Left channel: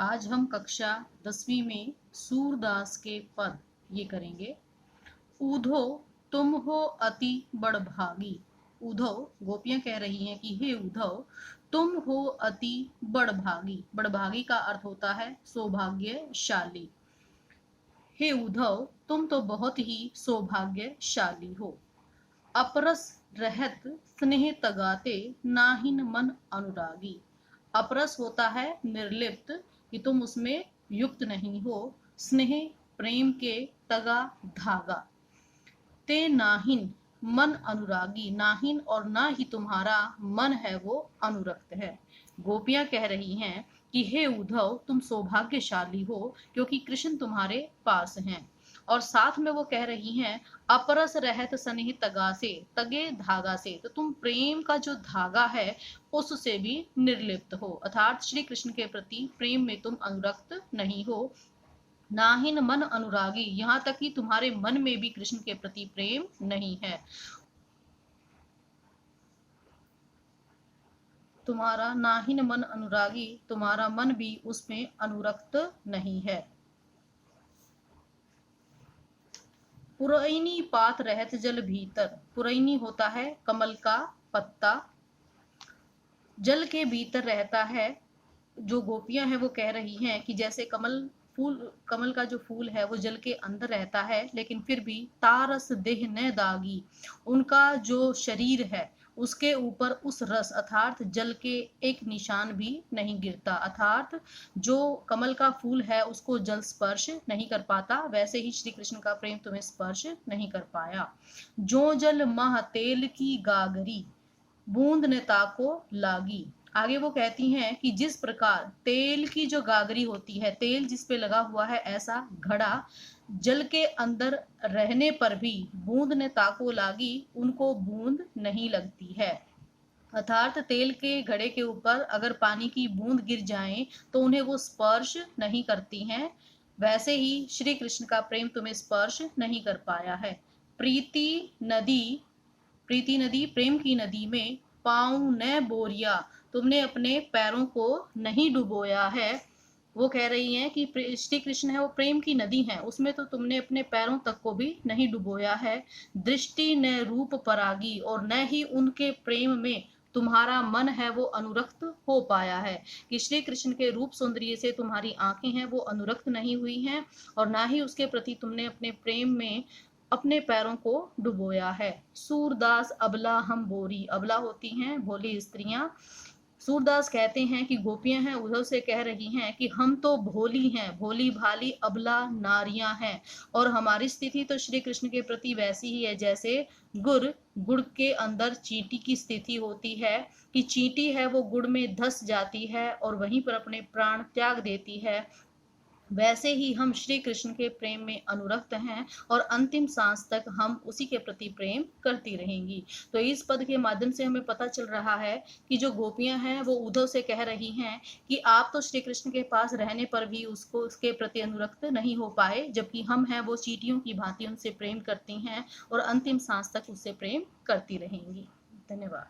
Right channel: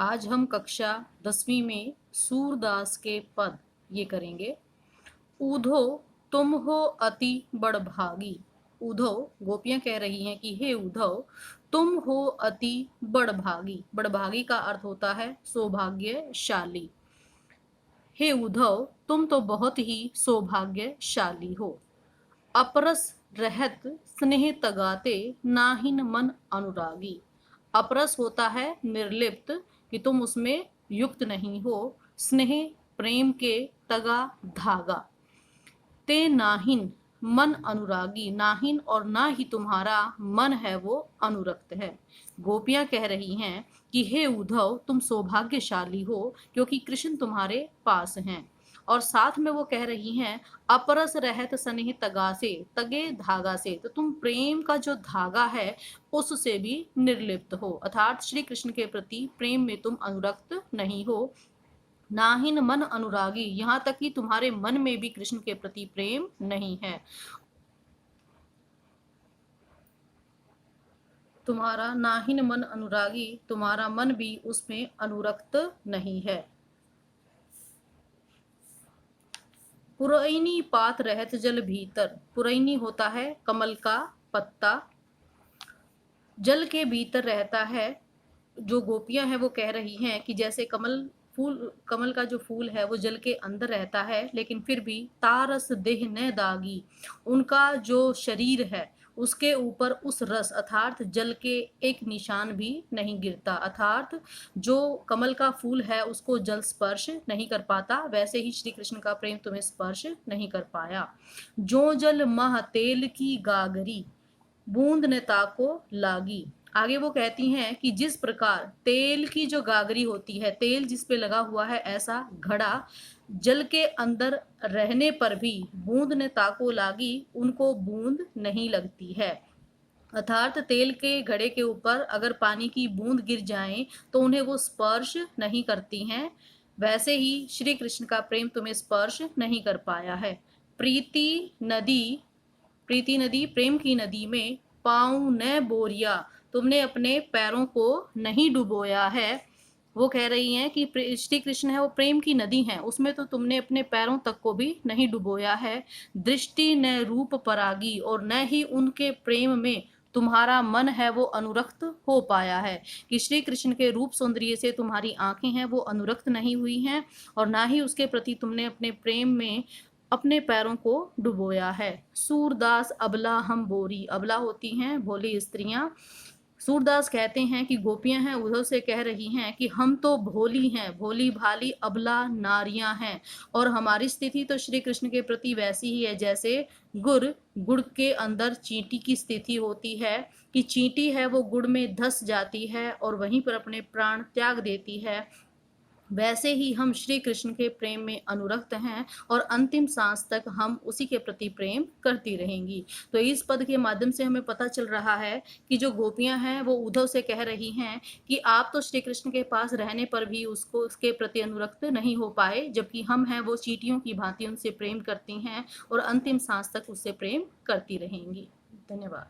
आज हम कक्षा 10वीं में सूरदास के पद ये करेंगे। ऊधो तुम हो अति बड़भागी। उधो गोपियां कह रही हैं कि हे उद्धव, तुम हो अति बड़भागी। बड़भागी का अर्थ होता है सौभाग्यशाली। हे उद्धव, तुम तो बहुत ही सौभाग्यशाली हो। अपरस रहत स्नेह तगाते नाहिन मन अनुरागी। अपरस होता है निर्लिप्त, कि तुम उसमें युक्त नहीं हो। स्नेह प्रेम के तगा धागा। ते नाहिन मन अनुरागी, नाहिन और ना ही तुम्हारा मन है वो अनुरक्त है। गोपियां कह रही हैं कि हे उद्धव, तुम सौभाग्यशाली हो क्योंकि कृष्ण तुम्हारे पास हैं। और साथ में वो कह रही हैं अपरस रहत स्नेह तगा से, तगे धागा से, तो तुम प्रेम का जो धागा है उससे भी निर्लिप्त हो, अर्थात श्री कृष्ण के प्रति प्रेम में तुम अनुरक्त नहीं हो। नाहिन मन अनुरागी, यहाँ तक कि तुम्हारे मन में भी कृष्ण के प्रति प्रेम नहीं है। तुम्हारा नाहिन मन अनुरागी, तुम्हारा मन भी उसमें अनुरक्त नहीं है। पुरैनी पात रहत जल भीतर। पुरैनी होता है कमल का पत्ता, जल के भीतर रहता है। जो गोपियां हैं वो कह रही हैं कि जैसे कमल का जो फूल है वो जल के अंदर रहता है, लेकिन फिर भी तारस देह न दागी, उनका जो शरीर है उसके ऊपर उस रस अर्थात जल के एक निशान भी नहीं गिरता। अर्थात जो कमल का फूल है उसको जल स्पर्श नहीं कर पाता, वैसे ही श्री कृष्ण का प्रेम तुम्हें स्पर्श नहीं कर पाया। जो जल मह तेल की गागरी, बूंद ने ताको लागी। आगे वो कहती हैं कि जिस प्रकार तेल की जो गागरी होती है, तेल जिस पे लगा हुआ है ऐसा घड़ा, जल के अंदर रहने पर भी बूंद ने ताको लागी, उनको बूंद नहीं लगती है। अर्थात तेल के घड़े के ऊपर अगर पानी की बूंद गिर जाए तो उन्हें वो स्पर्श नहीं करती हैं, वैसे ही श्री कृष्ण का प्रेम तुम्हें स्पर्श नहीं कर पाया है। प्रीति नदी, प्रीति नदी प्रेम की नदी में पाँव न बोरिया, तुमने अपने पैरों को नहीं डुबोया है। वो कह रही हैं कि श्री कृष्ण है वो प्रेम की नदी है, उसमें तो तुमने अपने पैरों तक को भी नहीं डुबोया है। दृष्टि न रूप परागी, और न ही उनके प्रेम में तुम्हारा मन है वो अनुरक्त हो पाया है, कि श्री कृष्ण के रूप सौंदर्य से तुम्हारी आंखें हैं वो अनुरक्त नहीं हुई हैं, और ना ही उसके प्रति तुमने अपने प्रेम में अपने पैरों को डुबोया है। सूरदास अबला हम बोरी, अबला होती हैं भोली स्त्रियां। सूरदास कहते हैं कि गोपियां हैं उद्धव से कह रही हैं कि हम तो भोली हैं, भोली भाली अबला नारियां हैं, और हमारी स्थिति तो श्री कृष्ण के प्रति वैसी ही है जैसे गुड़ के अंदर चींटी की स्थिति होती है, कि चींटी है वो गुड़ में धस जाती है और वहीं पर अपने प्राण त्याग देती है। वैसे ही हम श्री कृष्ण के प्रेम में अनुरक्त हैं और अंतिम सांस तक हम उसी के प्रति प्रेम करती रहेंगी। तो इस पद के माध्यम से हमें पता चल रहा है कि जो गोपियां हैं वो उद्धव से कह रही हैं कि आप तो श्री कृष्ण के पास रहने पर भी उसको उसके प्रति अनुरक्त नहीं हो पाए, जबकि हम हैं वो चींटियों की भांति उनसे प्रेम करती हैं और अंतिम सांस तक उससे प्रेम करती रहेंगी। धन्यवाद।